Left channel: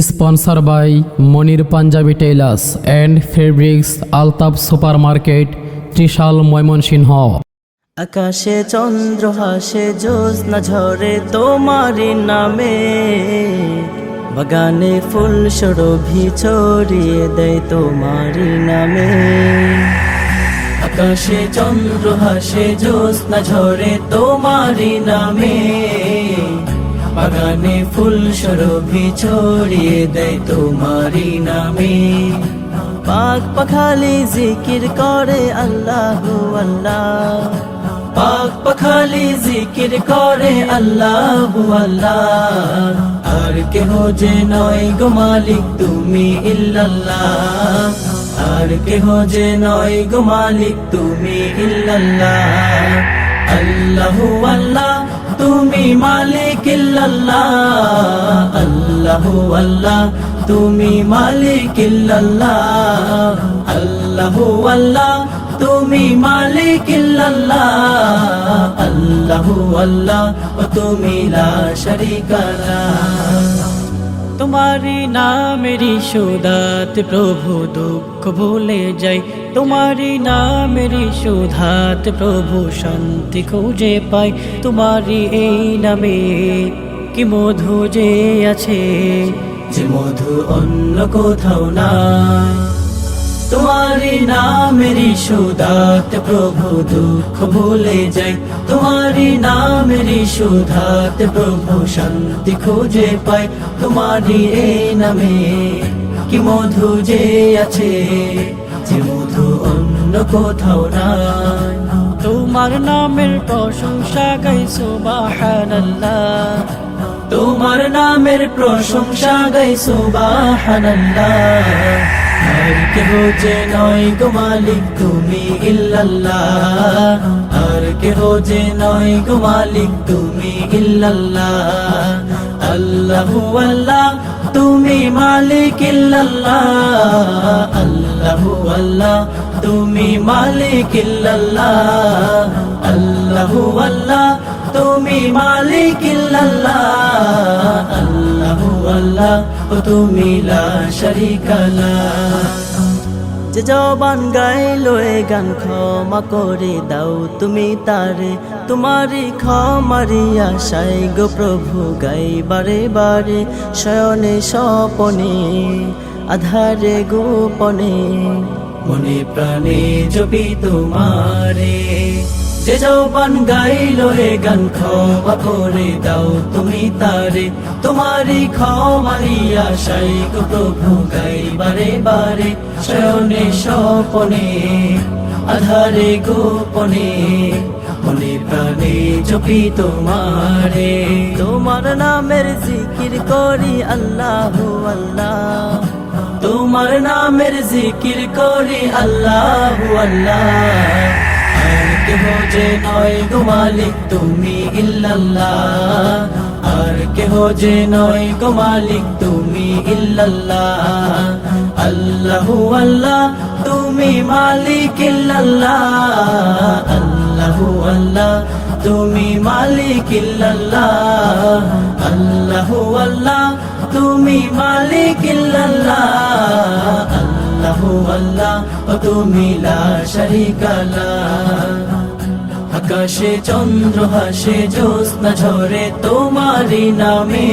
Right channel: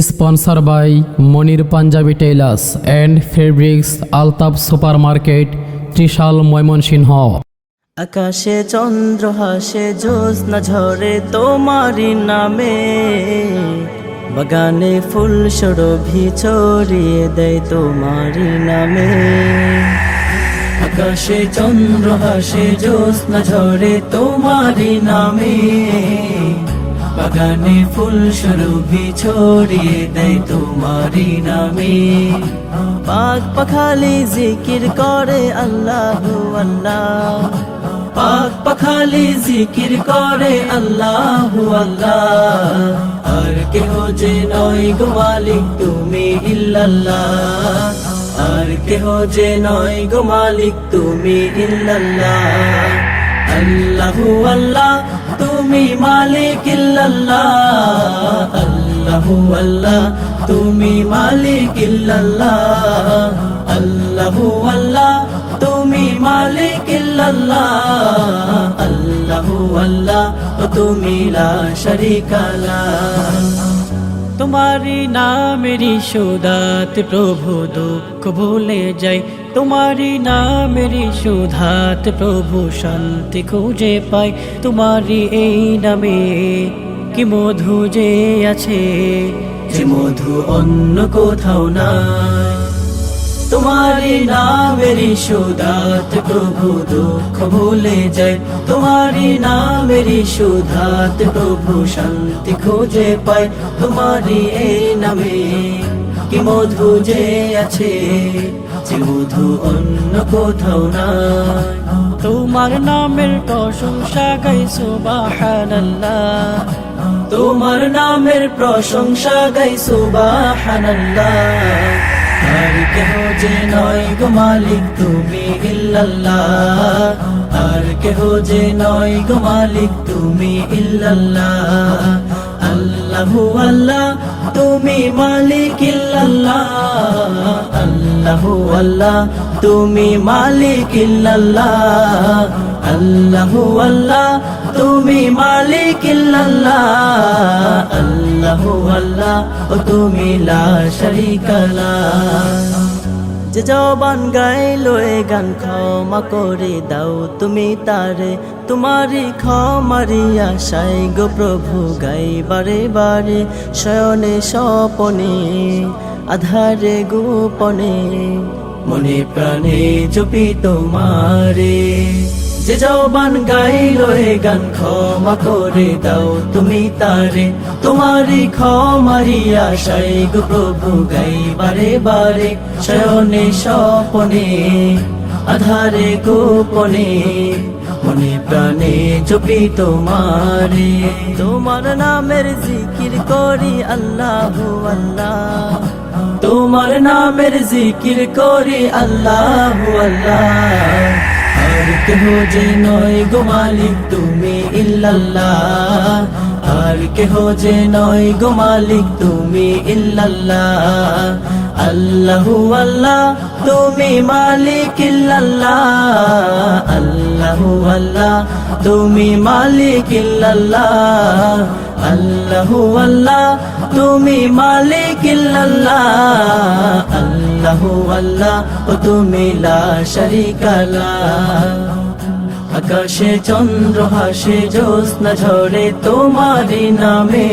Sponsor by Monir Punjabi tailors and fabrics Altab super market Trishal Mymensingh. আকাশে চন্দ্র হাসে, জ্যোৎস্না ঝরে তোমারি নামে। বাগানে ফুল সরভি ছড়িয়ে দেয় তোমারি নামে। আকাশে চন্দ্র হাসে, জ্যোৎস্না ঝরে তোমারি নামে। বাগানে ফুল সরভি ছড়িয়ে দেয় তোমারি নামে। পাক পাখালি জিকির করে আল্লাহ আল্লাহ। পাক পাখালি জিকির করে আল্লাহ আল্লাহ। আর কেহ যে নয় গো মালিক তুমি ইল্লাল্লাহ। আর কেহ যে নয় গো মালিক তুমি ইল্লাল্লাহ। আল্লাহু আল্লাহ তুমি মালিক আল্লাহু আল্লাহ। তুমি মালিক আল্লাহু আল্লাহ। তুমি মালিক আল্লাহু আল্লাহ। তুমি লা শারীকা লাহ তোমারি নামেরই সুধাত প্রভু দুঃখ ভুলে যাই। তোমারি নামেরই সুধাত প্রভু শান্তি খুঁজে পাই। তোমারি এই নামে কি মধু যে আছে? যে মধু অন্য কোথাও নাই। তোমারি নামেরই সুধাত প্রভু দুঃখ ভুলে যাই। তোমারি নামেরই সুধাত প্রভু শান্তি খোঁজে পাই। তোমারি এই নামে কি মধু যে আছে, যে মধু অন্য কোথাও নাই। তোমার নামের প্রশংসা গাই সুবাহানাল্লাহ। তোমার নামের প্রশংসা গাই সুবাহানাল্লাহ। আর কেহ যে নয় গো মালিক তুমি ইল্লাল্লাহ। আর কেহ যে নয় গো মালিক তুমি ইল্লাল্লাহ। আল্লাহু আল্লাহ, তুমি মালিক ইল্লাল্লাহ। আল্লাহু আল্লাহ তুমি মালিক ইল্লাল্লাহ। আল্লাহু আল্লাহ, তুমি মালিক ইল্লাল্লাহ। আল্লাহু আল্লাহ ও তুমি লা যে জবান গাইলো এ গান ক্ষমা করে দাও তুমি তারে। তোমারই ক্ষমারি আশাই গো প্রভু গাই বারে বারে, শয়নে স্বপনে, আধারে গোপনে। মনে প্রাণে জপি তোমারে। যে জবান গাইলো এ গান ক্ষমা করে দাও তুমি তারে। তোমারই ক্ষমারি আশাই গো প্রভু গাই বারে বারে। শয়নে স্বপনে, আধারে গোপনে, মনে প্রাণে জপি তোমারে। তোমার নামের জিকির করি আল্লাহ আল্লাহ। তোমার নামের জিকির করি আল্লাহ আল্লাহ। যে নয় গো মালিক, তুমি ইল্লাল্লাহ। আর কেহ যে নয় গো মালিক, তুমি ইল্লাল্লাহ। আল্লাহু আল্লাহ, তুমি মালিক ইল্লাল্লাহ। আল্লাহু আল্লাহ, তুমি মালিক ইল্লাল্লাহ। আল্লাহু আল্লাহ তুমি মালিক আল্লাহু আল্লাহ ও তুমি লা আকাশে চন্দ্র, হাসে জ্যোৎস্না ঝরে তোমারি নামে।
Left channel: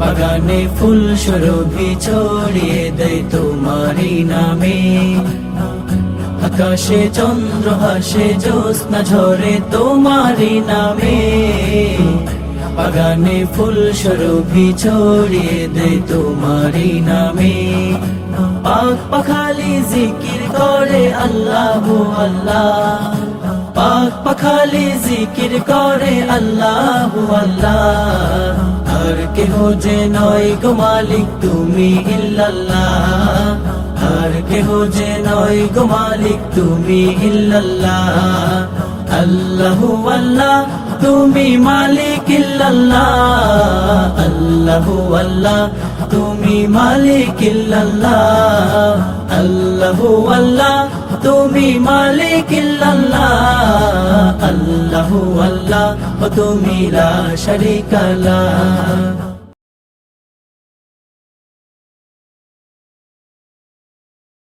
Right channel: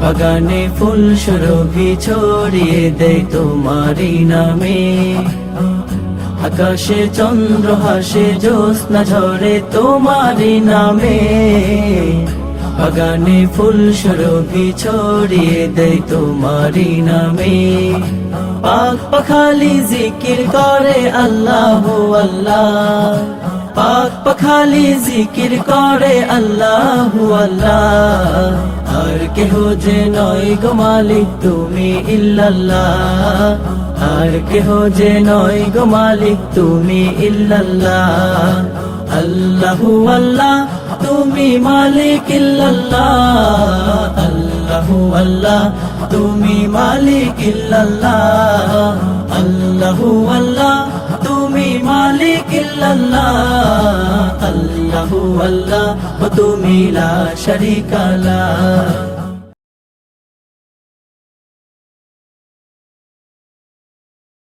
বাগানে ফুল সুরভি ছড়িয়ে দেয় তোমারি নামে। আকাশে চন্দ্র, হাসে জ্যোৎস্না ঝরে তোমারি নামে। বাগানে ফুল সুরভি ছড়িয়ে দেয় তোমারি নামে। পাক পাখালি জিকির করে আল্লাহ আল্লাহ। পাক পাখালি জিকির করে আল্লাহ আল্লাহ। আর কেহ যে নয় গো মালিক তুমি ইল্লাল্লাহ। আর কেহ যে নয় গো মালিক তুমি ইল্লাল্লাহ। আল্লাহু আল্লাহ তুমি মালিক আল্লাহ আল্লাহু আল্লাহ। তুমি মালিক আল্লাহ আল্লাহু আল্লাহ। তুমি মালিক আল্লাহ আল্লাহু আল্লাহ। তুমি লা শারীকা লা